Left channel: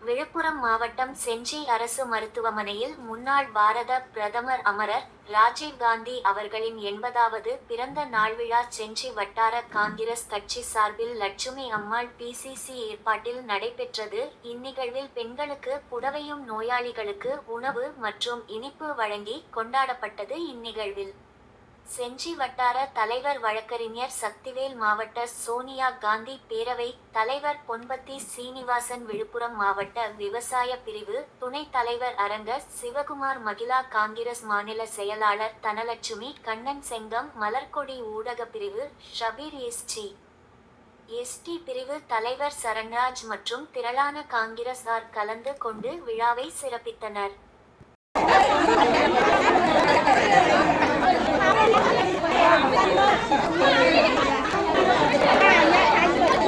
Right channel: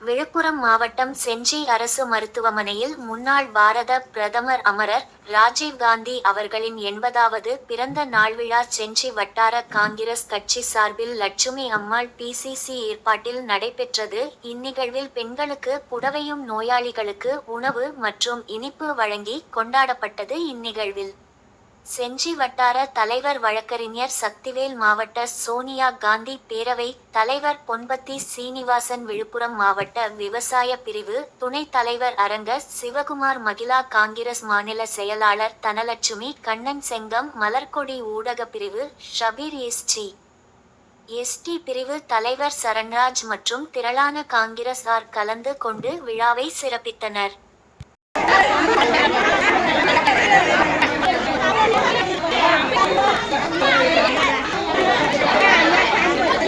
விழுப்புரம் மாவட்டம் செஞ்சி அரசு மருத்துவமனையில் முன்னாள் பாரத பிரதமர் அமரர் ராஜீவ்காந்தி அவர்களின் எண்பதாவது பிறந்த நாள் விழா செஞ்சி வட்டார காங்கிரஸ் கட்சி சார்பில் லட்சுமி அம்மாள் பிசிசி ஏற்பாட்டில் நடைபெற்றது. இந்நிகழ்வில் பெண்களுக்கு புடவையும் நோயாளிகளுக்கு உணவு மற்றும் இனிப்பு வழங்கி கொண்டாடப்பட்டது இந்நிகழ்வில். செஞ்சி வட்டார தலைவர் வழக்கறிஞர் சக்திவேல் மாவட்ட சோனியா காந்தி பேரவை தலைவர் பொன்பத்தி சீனிவாசன் விழுப்புரம் மாவட்ட விவசாய பிரிவு துணைத் தலைவர் அரங்க சிவகுமார் மகிழா காங்கிரஸ் மாநில செயலாளர் தனலட்சுமி கண்ணன் செங்கம் மலர்கொடி ஊடக பிரிவு ஷபீர் எஸ்டி எஸ்டி பிரிவு தலைவர் சரண்ராஜ் மற்றும் திரளான காங்கிரசார் கலந்து கொண்டு விழாவை சிறப்பித்தனர்.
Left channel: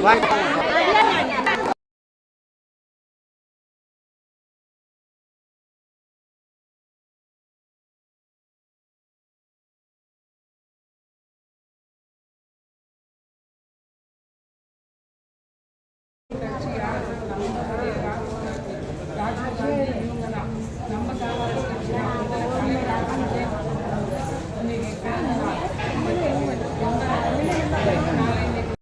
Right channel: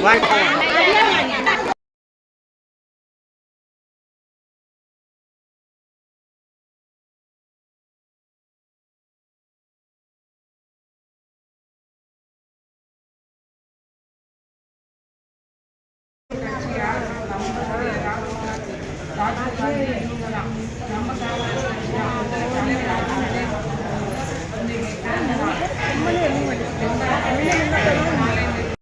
我来一口。